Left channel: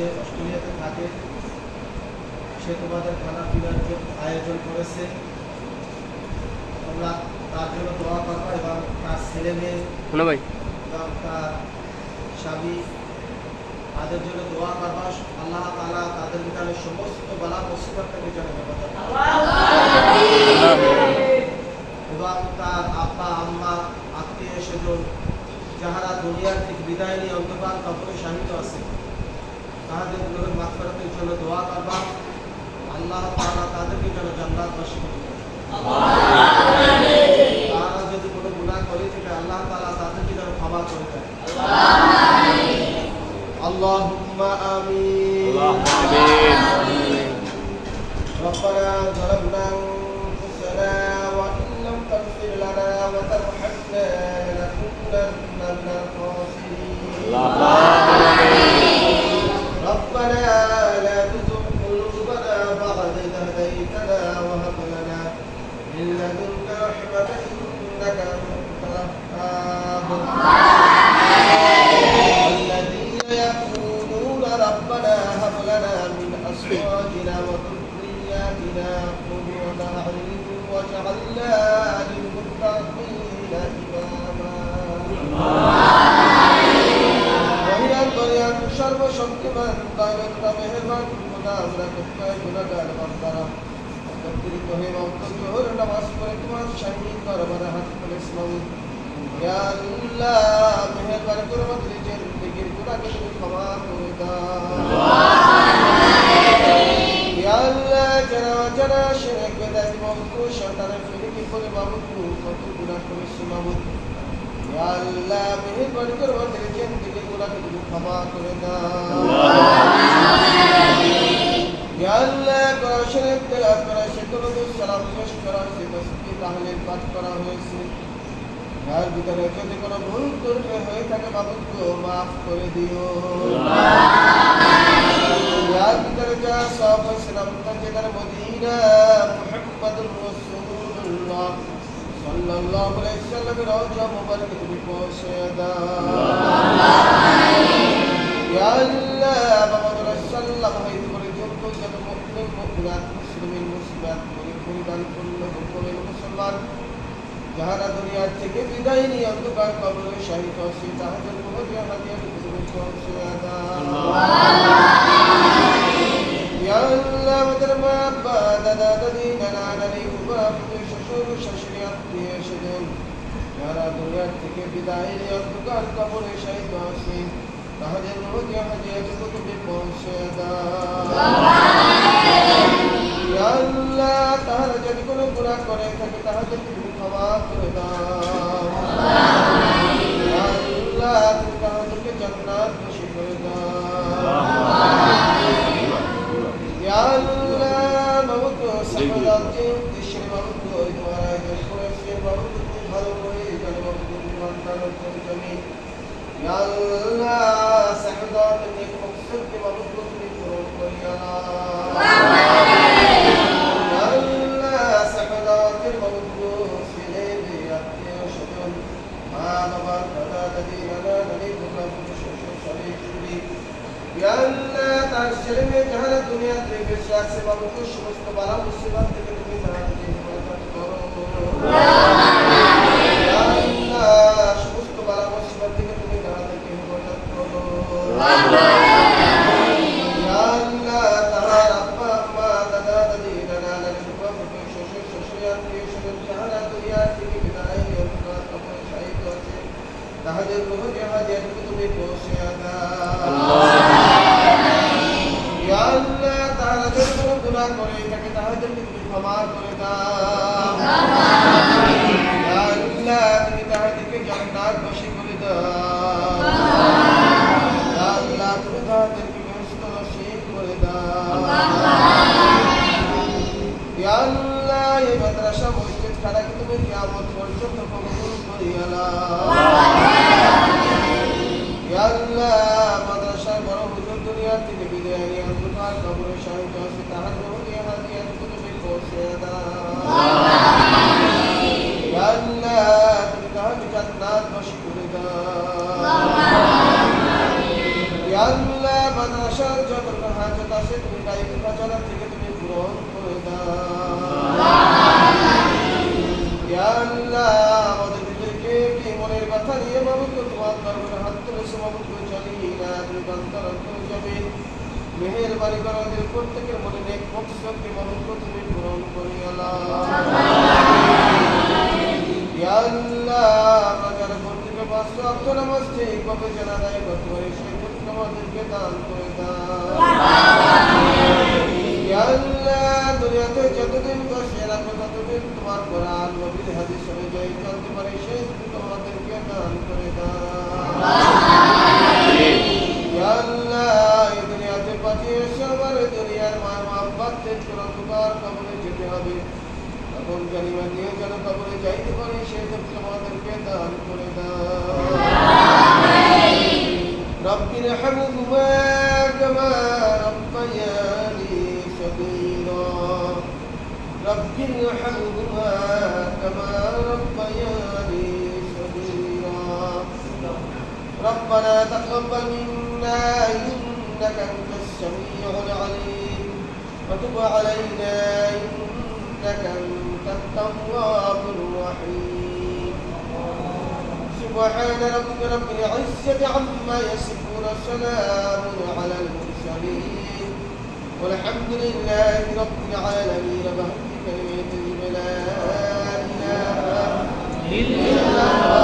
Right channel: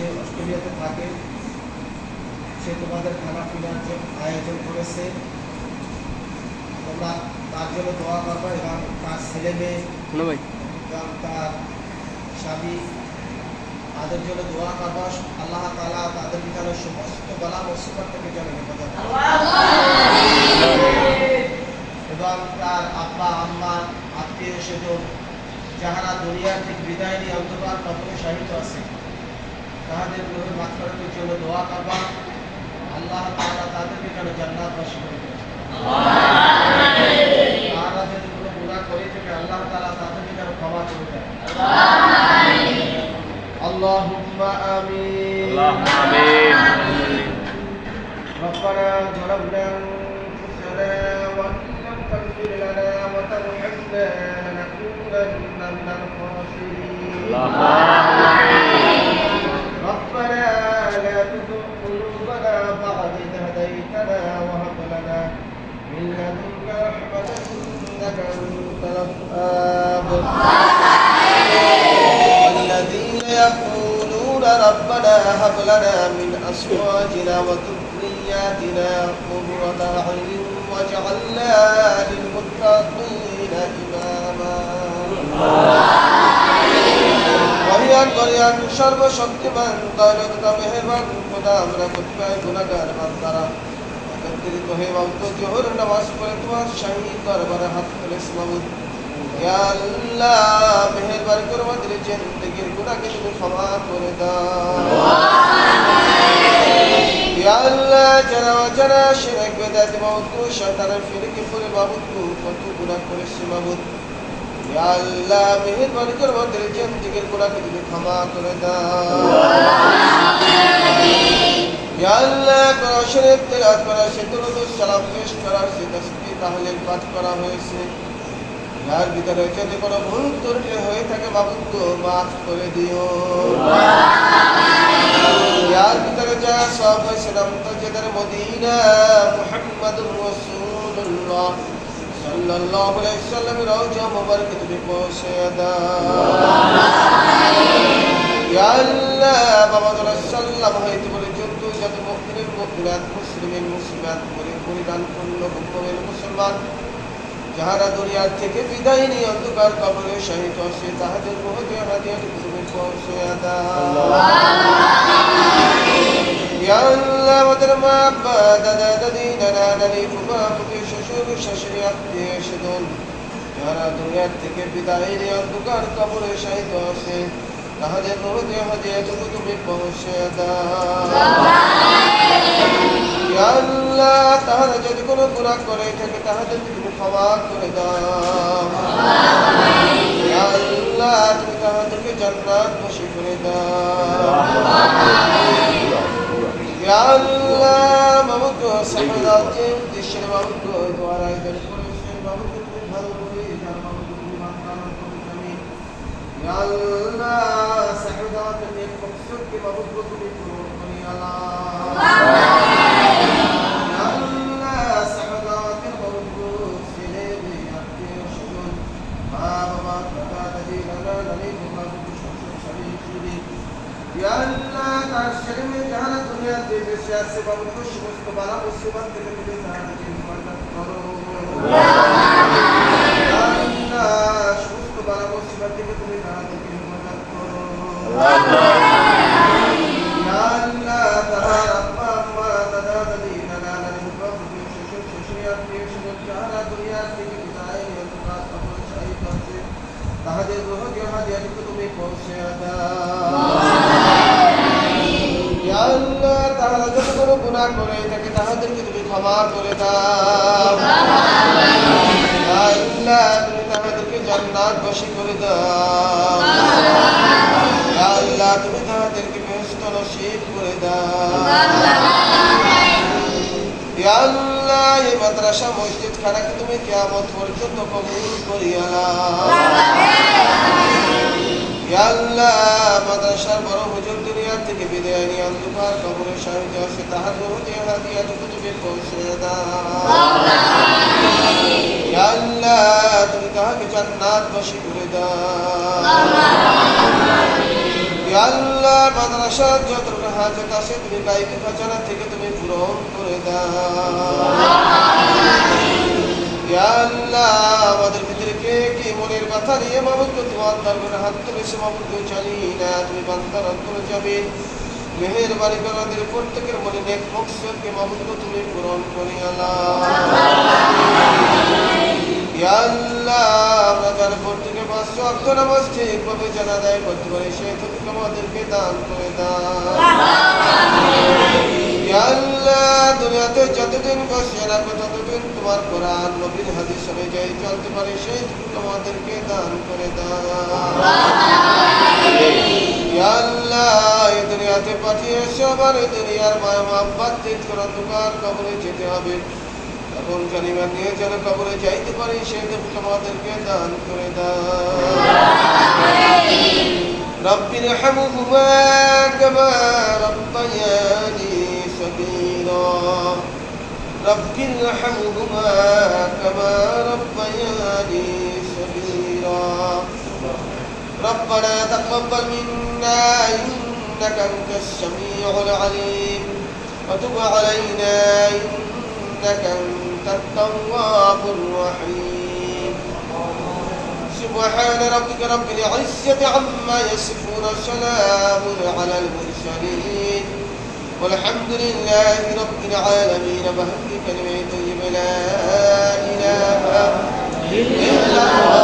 সে অস্ট্রেলিয়াতে থাকে সে তোমাদের খানা পিনার যে- আয়োজন করেছে। তোমরা তার জন্য দোয়া করবা এবং তার ছেলে মেয়ে ভাই। এবং তার স্বামী তাদের জন্য দোয়া করবা। আল্লাহ তালা তাদের বিধানের সমস্ত বালা মুসিবত থেকে যেন হেফাজত এবং তার আব্বা আম্মা আত্মীয় স্বজন যাহারা দুনিয়ার থেকে বিদায় নিয়ে অন্ধকার কবরে শাহিত আছে তাহাদের গ্রহের মাফরাতের জন্য দোয়া করবা আল্লাহ তাআলা তাদেরকে যেন জান্নাত বাসী করে দেয়। তারা যদি কোনো গুনাহ করে থাকে আল্লাহ তাআলা তাদেরকে যেন ক্ষমা করে দেয় আল্লাহুম্মা আমিন اللهم آمين ربنا ظلمنا انفسنا وان لم تغفر لنا وترحمنا لنكونن من الخاسرين اللهم آمين من لدنك رحمة إنك أنت الوهاب والذين يقولون ربنا هب لنا من أزواجنا وذرياتنا قرة أعين واجعلنا للمتقين إماما মহিয়ান করিয়ান সর্বশক্তিমান দয়ালুতা মেহেরবান খোদা আমরা কোথায় গুণাগার বান্দারা একত্রিত হয়ে অন্ত জোহর নামাজ পড়ে তোমার শাহী দরবারে হাত করে মাবুদ ইয়া আল্লাহ মেহেরবানি করে আমাদের জিন্দেগির গুনাহকে তুমি ক্ষমা করে দাও। আল্লাহ যারা যারা শিরক বেদাতি মাবুদ শয়তানের ফিরিকে পড়ে মাবুদ কত গুনাহ করেছে ইয়া আল্লাহ মেহেরবানি করে আমাদের জিন্দেগির কোরআন শরীফ তেলাওয়াত করা সে দরুদ সালাম পেশ করা সে তাসবিহ তাহলিল পাঠ করা হয়েছে। যার ভিতরে যদি কোনো ভুল ত্রুটি হয়ে থাকে মাবুদ গো মাফ করে দিও। যার ভিতরে যা সব হয়েছে নাম তাজেদার মদিনা মুহাম্মাদুর রাসূলুল্লাহ। সাল্লাল্লাহু আলাইহি সাল্লাম রওজা মুবারক তুমি পৌঁছে দাও। ইয়া আল্লাহ বাবা তোরা সাল্লাম হইতে পর্যন্ত যত মুসলিম মুসলিমাত করে পরিধান করল মুমিন মুসলমান যাহারা দুনিয়ার থেকে বিদায় নিয়ে অন্ধকার কবরে শাহিদ হচ্ছে তাহাদের বহুতে হাজিয়ার কুতুবে পৌঁছে দাও ইয়া আল্লাহ আমাদের মা আব্বা দাদা দাদি নানা নানি ফুফা ফুফি শ্বশুর শাশুড়ি আত্মীয় স্বজন যারা দুনিয়ার থেকে বিদায় নিয়ে অন্ধকার কবরে শাহিদ আছে তাহাদের রোজে হাজিয়াটুকু তুমি পৌঁছে দাও। ইয়া আল্লাহ, তাহারা যদি কোনো গুনাহ করে থাকে তাহাদেরকে তুমি ক্ষমা করে দাও। আল্লাহ, তুমি তাহাদেরকে জান্নাত বসি করে দাও। আল্লাহ, মাবুদ সাহায্যে উদ্দেশ্যে মাবুদ, তোমার আয়োজন করেছে মাবুদ, তুমি ভালো করে জানো, মাবুদ, তুমি মানতার তুমি আল্লাহ সাহায্যে নেক মকসদ কে মাবুদ তুমি পূরণ করি আল্লাহ ইয়া আল্লাহ সাহায্যের মাবুদ ছেলে মেয়ে আত্মীয় স্বজন মা বাবা দাদা তাহাদের গ্রহ জাহাজেরকে তুমি পৌঁছে ইয়া আল্লাহ তাহারা যদি কোনো গুনাহ করে থাকে তাহাদেরকে তুমি ক্ষমা করে দাও ইয়া আল্লাহ তুমি তাহাদেরকে জান্নাত বশী করে দাও ইয়া আল্লাহ তুমি তাহাদেরকে বেহেশত নসিব করে দাও ইয়া এই মাদ্রাসা মসজিদ খানাকে তুমি কিয়ামত পর্যন্ত কবুল করিয়া আল্লাহ মাদ্রাসার বড় হুজুর দুনিয়া থেকে বিদায় নিয়ে অন্ধকার কবরে শাহিদ আছে তাহার বহুতে হাদিয়াটুকু তুমি পৌঁছে দাও। তুমি তাহাকে জান্নাত বশী করে দাও। মাদ্রাসার যত হাজত আছে, তুমি গাইবি খাজানা থেকে তুমি পূরণ করে দাও। আল্লাহ, আমাদের ভিতরে কে কি মনের ব্যথা নিয়ে মামুদ তোমার দরবারে হাত তুলে সে মামুদ চালি না, তুমি বান্দার অন্তরে যাবে। মেহেরবানি করে আমাদের প্রত্যেকের মনে নেক মকসদকে মামুদ তুমি পূরণ করি আল্লাহ পাঁচশো অক্ত নামাজ করতে পারি সেই তুমি আমাদেরকে দান করে দাও দুনিয়াতে যতদিন বসে রাখব ততদিন তোমার কোরআন, নবীর হাদিস অনুযায়ী চলতে পারে সেই তুমি আমাদেরকে দান করে দাও আল্লাহ, এই দুনিয়াতে পাঠিয়েছে আবার এই দুনিয়ার মায়া মাব্বাত থেকে অন্ধকার কবরে যেতে হবে। তখন জানিবার নিয়ে যেন কবরে যাইতে পারি সেই তুমি আমাদেরকে দান করে দাও رب ارحمهما كما ربياني صغيرا رب ارحمهما كما ربياني صغيرا ربنا تقبل منا إنك أنت السميع العليم وتب علينا إنك أنت التواب الرحيم. سبحان ربك رب العزة عما يصفون سلام على المرسلين. والحمد لله رب العالمين. بهدي كلمة طيبة لا إله. إلا